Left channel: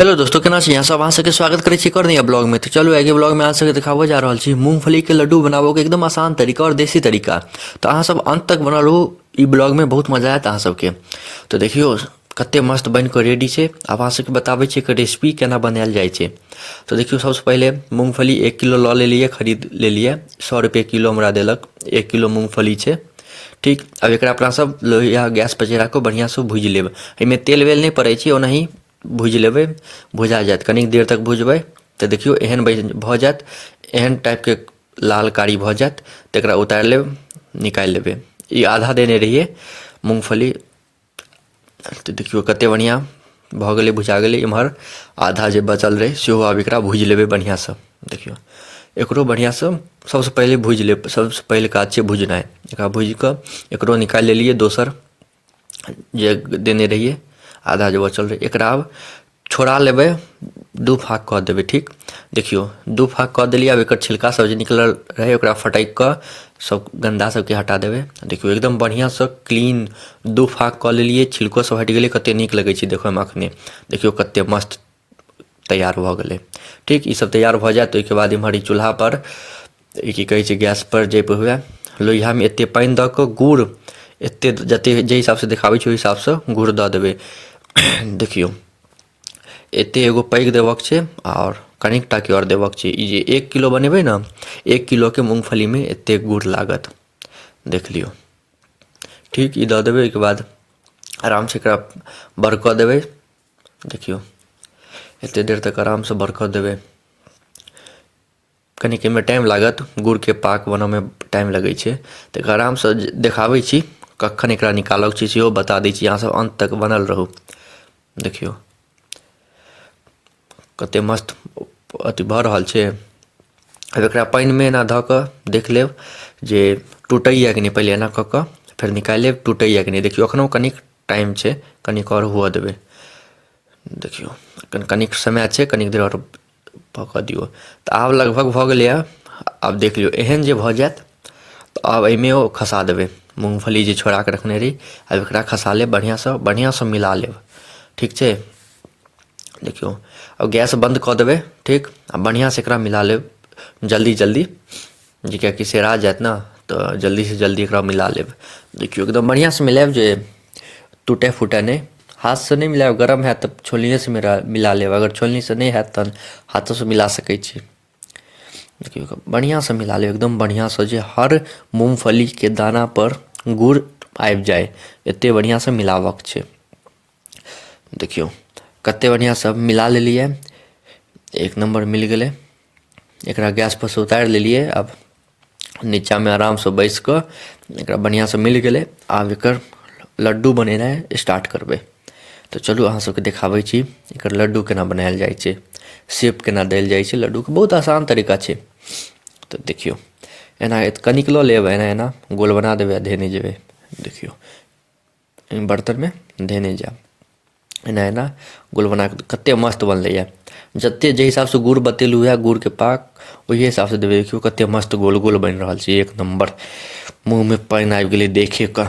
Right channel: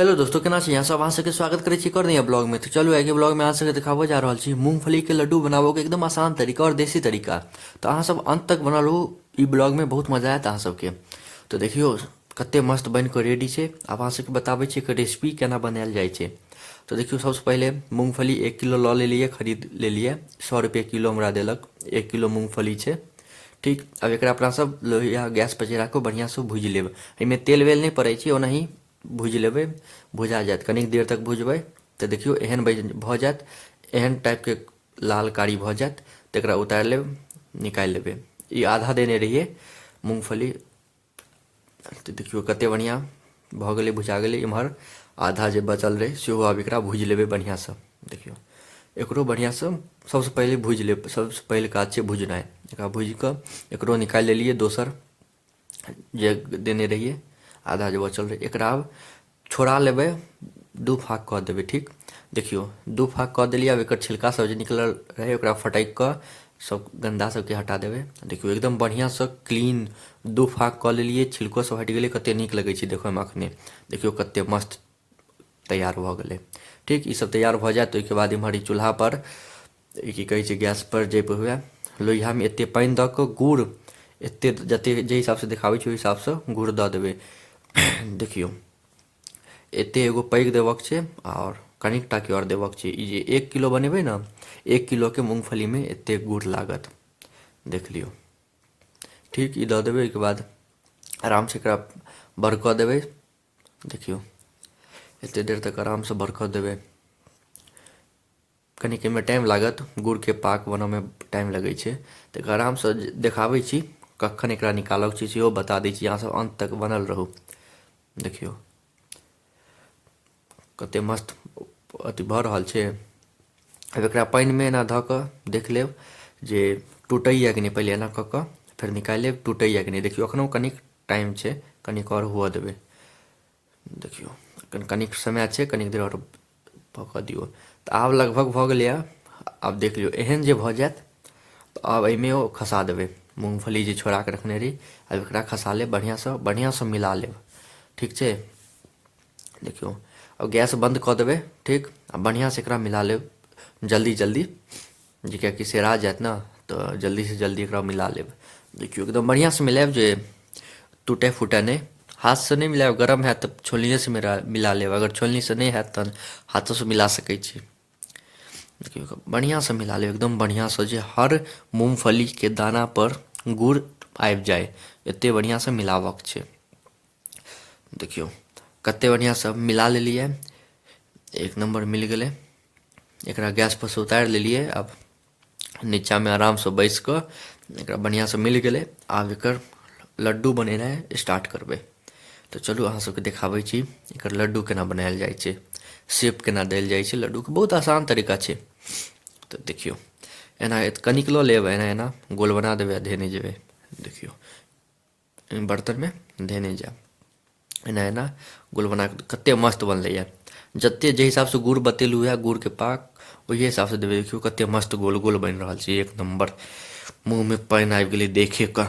Hello दोस्तों, केना छी? यहाँ सब अहाँ सबके स्वागत करै छी एक और नया ब्लॉग में। तो चलो आगे ब्लॉग में अहाँ सबके देखाबो जा रहल छी मूंगफली के लड्डू बनाबो के एकदम आसान तरीका और देसी तरीका। तो अहाँ सब अंत तक बनल रहू, ई ब्लॉग में बहुत मजा आयत अहाँ सबके। तो देखियो कते मस्त बन के रेडी छै। अब अहाँ सबके बताबै छी कि रेसिपी केना बनायल जाइ छै। तो देखियो सबसे पहले मूंगफली 1 किलो लऽ लेलिए, खरीद लेलिए। 100 रुपये किलो हमरा देलक, 1 किलो मूंगफली छै। ठीक, अब एकरा अपना सब लोहिया गैस पर चढ़ा कऽ बढ़िया से भूजि लेब। एहिमे तेल वेल नहीं पड़ै छै, ओनाही भूजि लेबै। भुजा जायत, कनिक देर तक भुजबै तऽ देखियौ एहन भऽ जायत, एहन टाइपके लाल कारी भऽ जायत। तऽ एकरा उतारि लेब, निकालि लेबै। ई आधा देने रहिए मूँगफली, तऽ देखियौ कते बढ़िआँ भऽ गेलै, भुजा गेलै। एम्हर आधा जे बचल रहै सेहो आब एकरा भूजि लेबै बढ़िआँसँ। देखियौ एकरो बढ़िआँसँ सबसँ पहिले भूजि लेब। सबसँ पहिले काज छै भुजनाइ। एकरा भूजि कऽ एकरो निकालि लेलिए, दोसर जे देने रहिए आधा जे बचल रहै। एकरा आब छोड़ा लेबै, दू फाँक कऽ देबै। ठीक, देखियौ दू फाँक कऽ देलिए। आब एकर छिलका सब जे निकलल रहै ओकरा फटकि कऽ सब गन्दा सबके हटा देबै। देखियौ एकदम बढ़िआँसँ क्लीन दू फाँक कऽ लेलिए, छिलको सब हटि गेलै। कतेक नीक लगै छै देखैमे एखने। देखियौ कतेक मस्त तैयार भऽ गेलै। ठीक, ई सब तैयार भऽ जायत। ओहिके बाद एम्हर ई चूल्हापर ई की कहै छै गैसपर जाहिपर हुए, लोहियामे एतेक पानि दऽ कऽ गुड़ एतेक जतेक जाहि हिसाबसँ देखाबै छै ओहि हिसाबसँ गुड़ दऽ देबै। देखियौ एतेक एगो पैघ देबऽके छै आओर कनिक टाके आओर देबऽके छै। ई जे 1 किलो बनेबै ने, 1 किलोके मूँगफलीमे एतेक गुड़ लागत, देख लियौ। ठीक, ई दऽ देबै। ओहिके बाद आरामसँ एकरा बरकऽ देबै। देखियौ एतेक देर तक आरामसँ बरकऽ देबै। कनिक एहिमे टाइम लागत, गुड़के पाक बनऽमे टाइम लगै छै। तऽ एकरा आरामसँ देखाबै छी कखन एकरा निकालऽके छै सेहो बता दै छी। अहाँसब अन्त तक बनल रहू। देखियौ कतेक मस्त अथी भऽ रहल छै। अब एकरा पानिमे एना धऽ कऽ देख लेब जे टुटैए कि नहि। पहिले एना कऽ कऽ फेर निकालि लेब, टुटैए कि नहि। देखियौ एखनहु कनिक टाइम छै, कनिक आओर हुअ देबै। देखियौ कनिक समय छै, कनिक देर आओर पकऽ दियौ। तऽ आब लगभग भऽ गेलैए। आब देख लियौ एहन जे भऽ जायत तऽ आब एहिमे ओ खसा देबै मूँगफली जे छोड़ा कऽ रखने रही। आब एकरा खसा लेब, बढ़िआँसँ मिला लेब। ठीक छै, देखियौ अब गैस बंद कऽ देबै। ठीक, आ बढ़िआँसँ एकरा मिला लेब जल्दी जल्दी, जे किएकि सेरा जायत ने, तऽ जल्दीसँ जल्दी एकरा मिला लेब। देखियौ एकदम बढ़िआँसँ मिलाएब जे टूटै फूटै नहि। हाथसँ नहि मिलाएब, गरम हैत तऽ छोलनीसँ मिला लेब। अगर छोलनीसँ नहि हैत तहन हाथोसँ मिला सकै छी। देखियौ बढ़िआँसँ मिला लेब, एकदम बढ़िआँसँ, जे हर मूँगफलीके दानापर गुड़ आबि जाए, एतेक बढ़िआँसँ मिलाबऽके छै। देखियौ कतेक बढ़िआँसँ मिला लेलिए, एक नम्बर मिल गेलै। एकरा गैसपर सँ उतारि लेलिए। आब नीचाँमे आरामसँ बैसि कऽ एकरा बढ़िआँसँ मिल गेलै। आब एकर लड्डू बनेनाइ स्टार्ट करबै। तऽ चलू अहाँ सबके देखाबै छी एकर लड्डू केना बनायल जाइ छै, शेप केना देल जाइ छै लड्डूके। बहुत आसान तरीका छै। तऽ देखियौ एना कनिक लऽ लेब, एना एना गोल बना देबै आ धेने जेबै। देखियौ बर्तनमे धेने जायब, एना एना गोल बना कऽ। कतेक मस्त बनलैए। जतेक जाहि हिसाबसँ गुड़ बतेलहुँ यऽ, गुड़के पाक ओहि हिसाबसँ देबै। देखियौ कतेक मस्त गोल गोल बनि रहल छै, एक नम्बर। मुँहमे पानि आबि गेलै देखि कऽ।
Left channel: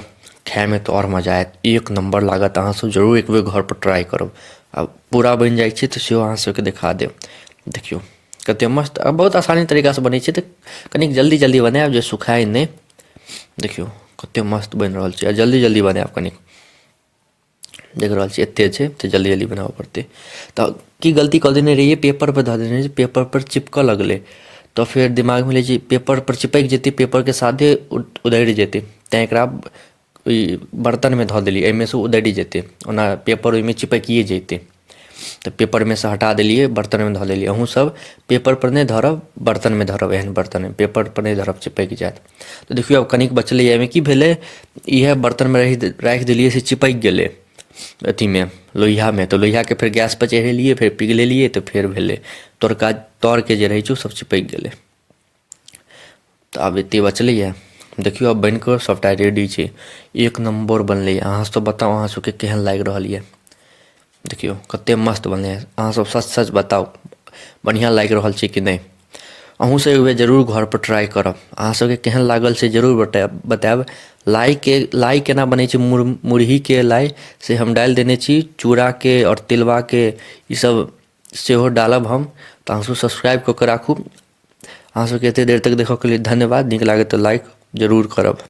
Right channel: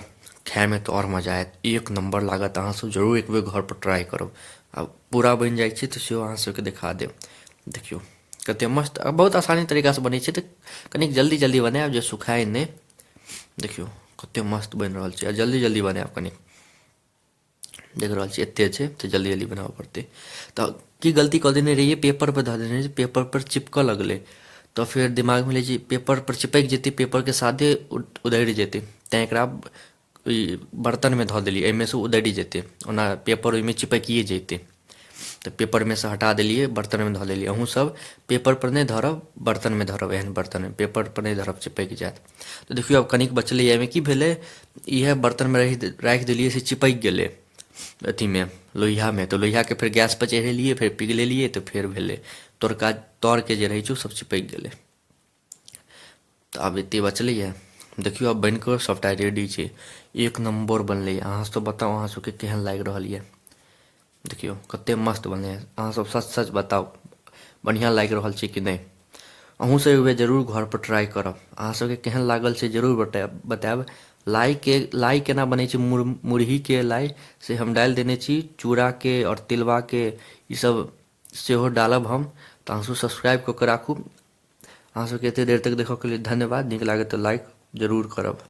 खाइमे तऽ आओर मजा आयत, एक नम्बर लागत। अहाँसब जरूर एकबेर घरपर ट्राइ करब। आब पूरा बनि जाइ छै तऽ सेहो अहाँ सबके देखा देब। देखियौ कतेक मस्त, बहुत आसानी तरीकासँ बनै छै। तऽ कनिक जल्दी जल्दी बनायब जे सुखाय नहि। देखियौ कतेक मस्त बनि रहल छै, आ जल्दी जल्दी बनायब। कनिक देख रहल छियै एतेक छै तऽ जल्दी जल्दी बनाबऽ पड़तै। तऽ की गलती कऽ देने रहिए, पेपरपर धऽ देने रहिए, पेपरपर चिपकऽ लगलै। तऽ फेर दिमागमे भेलै जे पेपरपर चिपकि जेतै, पेपरके साथे उधड़ि जेतै। तैँ एकरा ओइ बर्तनमे धऽ देलिए, एहिमेसँ उधड़ि जेतै। ओना पेपर ओहिमे चिपकिए जेतै। तऽ पेपरमे सँ हटा देलिए, बर्तनमे धऽ देलिए। अहूँसब पेपरपर नहि धरब, बर्तनमे धरब। एहन बर्तनमे पेपरपर नहि धरब, चिपकि जायत। तऽ देखियौ आब कनिक बचलैए। एहिमे की भेलै, इएह बर्तनमे राखि देलिए से चिपकि गेलै अथीमे, लोहियामे। तऽ लोहियाके फेर गैसपर चढ़ेलिए, फेर पिघलेलिए तऽ फेर भेलै। तरके जे रहै छै ओ सब चिपकि गेलै। तऽ आब एतेक बचलैए। देखियौ आब बनि कऽ सभटा रेडी छै, एक नम्बर बनलैए। अहाँसब बताउ अहाँ सबके केहन लागि रहल यऽ। देखियौ कतेक मस्त बनलै। अहाँसब सच सच बताउ बढ़िआँ लागि रहल छै कि नहि। अहूँसब एक बेर जरूर घरपर ट्राइ करब। अहाँसबके केहन लागल से जरूर बताएब। लाइ केना बनै छै, मुरहीके लाइ से हम डालि देने छी। चूड़ाके आओर तिलवाके ईसब सेहो डालब हम, तऽ अहाँसभ सब्सक्राइब कऽ कऽ राखू। अहाँसभके एतेक देर तक देखयके लेल धन्यवाद। नीक लागत तऽ लाइक जरूर करब।